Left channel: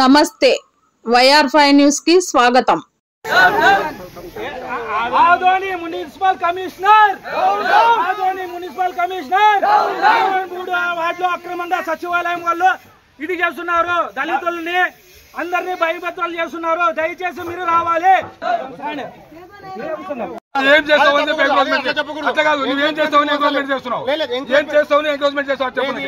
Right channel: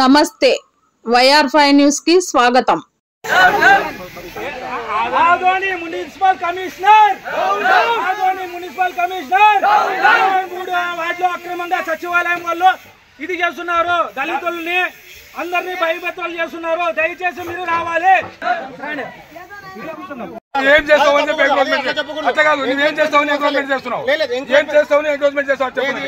నమస్తే YR5 news కి స్వాగతం। ఆదోని మున్సిపల్ కమిషనర్ మూడు వాటిలో అక్రమంగా సచివాలయం వాళ్ళు ఇది చేస్తున్నారు, దళితుల్ని అందరినీ భయభత్రాలు చేస్తున్నారు। దయచేసి మీరు రావాలి। ఏం చేస్తావని అట్లా కాదు, నువ్వేం చేస్తావని ఎంక్రోచ్మెంట్ చేస్తున్నావు, ఏం చేస్తావని ఎంక్రోచ్మెంట్ చేస్తావు చెప్పేది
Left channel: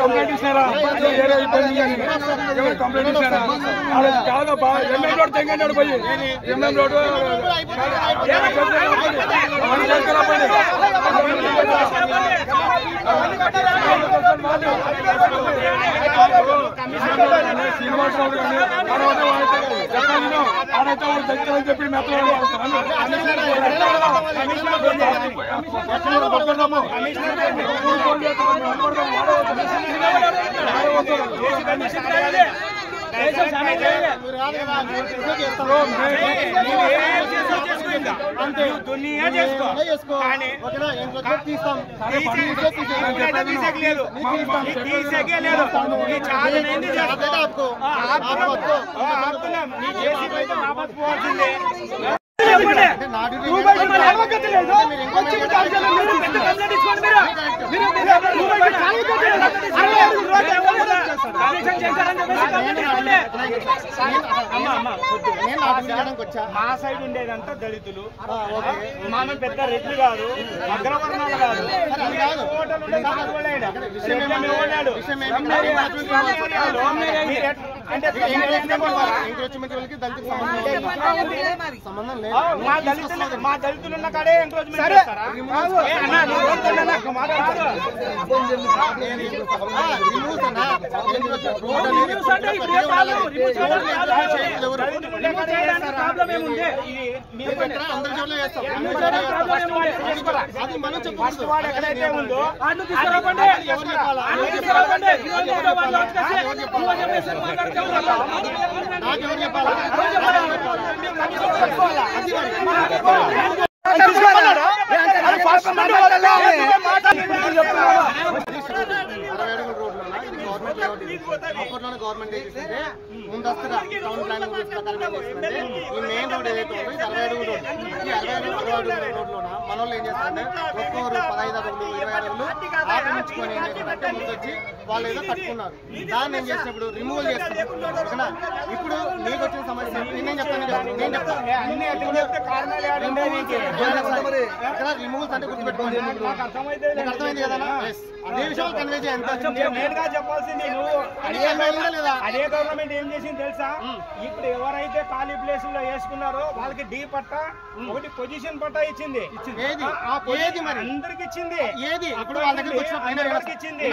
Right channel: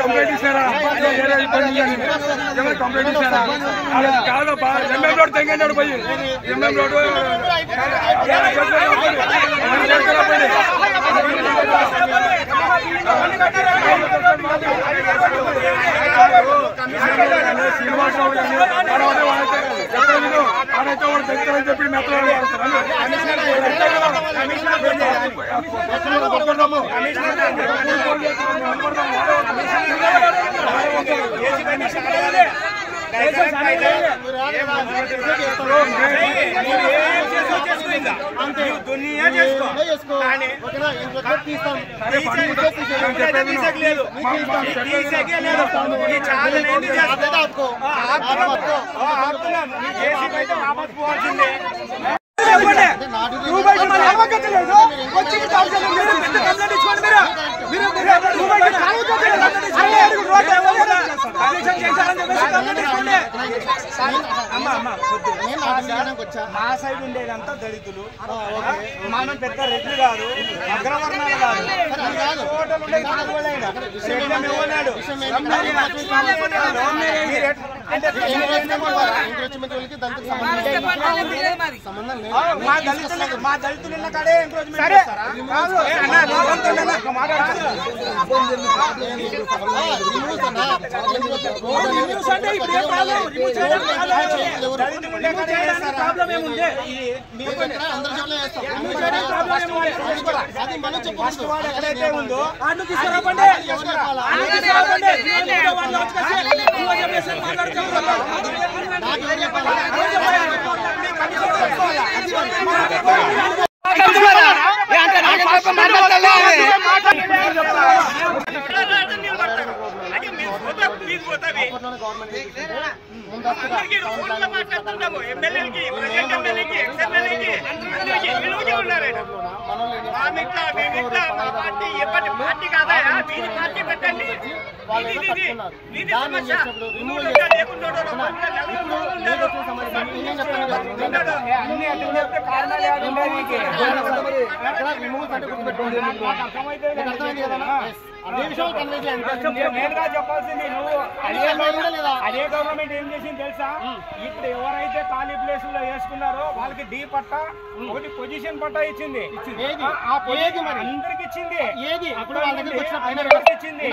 కంప్లైంట్ ఇస్తారా? కంప్లైంట్ ఇస్తారా? కాదబ్బా, ఎంఎం రోడ్ తెంగంటాడు పోయి ఎంఎం రోడ్ చెప్పి మా సైడ్ ఉండేదంతా దళితులు, మన పెద్ద రెడ్లు కాదు, అగ్రవర్ణాలు కాదు, మా దళితులు ఉన్న కాడే ఎంక్రోచ్మెంట్ చేస్తారా? ఎక్కడైతే ఉందో వాళ్ళు ఏదో కట్టుకున్నారు, దాన్ని ఏం చేసినప్పుడు రిమూవల్ చేస్తారు। ఇప్పుడు నీకు వచ్చిన సమస్య నేనేం చెప్తాను, రిమూవల్స్ అంటే గుర్తుపెట్టుకోండి, అర్థమైంది కదా? అదే విషయం కన్వే చేయాలి, చెప్పాల్సింది నువ్వు లేదా? అదే గవర్నమెంట్ ఏం చేసింది తెలుసా? ఇప్పుడు ఎవరైతే ఖాళీ ప్లేసుల్లో వేసుకున్నారో వాళ్ళకి డి పట్టా, ఒకటి పొజిషన్ పట్టా ఇచ్చింది। ఏది మరి అందరికి ఇచ్చింది? ఏది ఇప్పుడు వాళ్ళ దగ్గరకు వచ్చినప్పుడు ఇచ్చింది,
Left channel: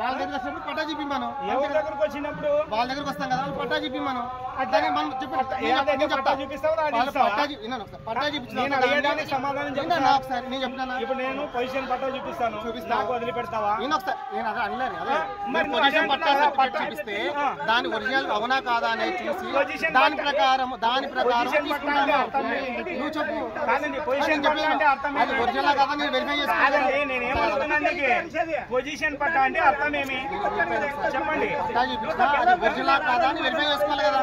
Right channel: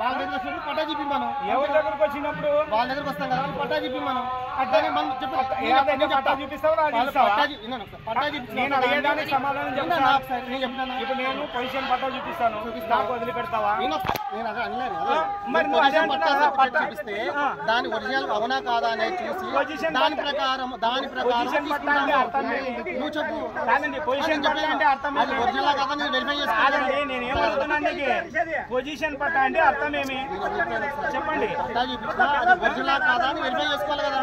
వాళ్ళ దగ్గర వచ్చినప్పుడు పట్టా చెప్పి మనం ఎవరి దగ్గరకు వచ్చినప్పుడు వాళ్ళ దగ్గరకు వస్తాం కదా, పట్టా చెప్పి మనం దాన్ని మనం పట్టా చూపిస్తావు, పట్టా చూపించడానికి సమాధానం చెప్తాను ఒకసారి నేను చెప్తాను। ఇప్పుడు నేను పొజిషన్ పట్టా చూపిస్తాను, నాకు వదిలిపెడతావా? నేను అదే అనలేదు, మరి పొజిషన్ పట్టా సర్టిఫికేట్ చూపిస్తే దాని ఒరిజినల్ అవునా కాదా అనేది చూసి దాని ప్రకారం నువ్వు చెప్పు, పొజిషన్ పట్టా అంటే అర్థం అది ఒరిజినల్ కాదా నేను వెరిఫై చేసుకోవాలి। నేనేమంటున్నాను, పొజిషన్ పట్టా అంటే అర్థం ఏమి చెప్పండి? పట్టా చూపించినా అది ఒరిజినల్ కాదా అని వెరిఫై చేసుకోవాలి కదా।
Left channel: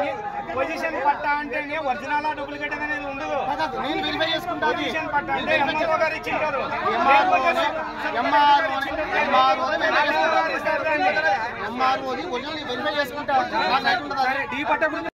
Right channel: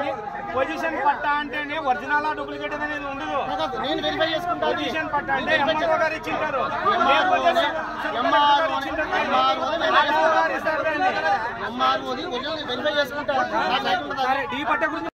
పొజిషన్ పట్టా అంటేనే ఒరిజినల్ డూప్లికేట్ అనేది ఉండదు, నేను వెరిఫై చేసుకుంటా। పొజిషన్ పట్టా అంటే ఎంఆర్ఓ గారు ఇచ్చింటారు, ఎంఆర్ఓ ఒరిజినల్ వెరిఫై చేసుకుంటా, నాకు రైట్ ఉండదు।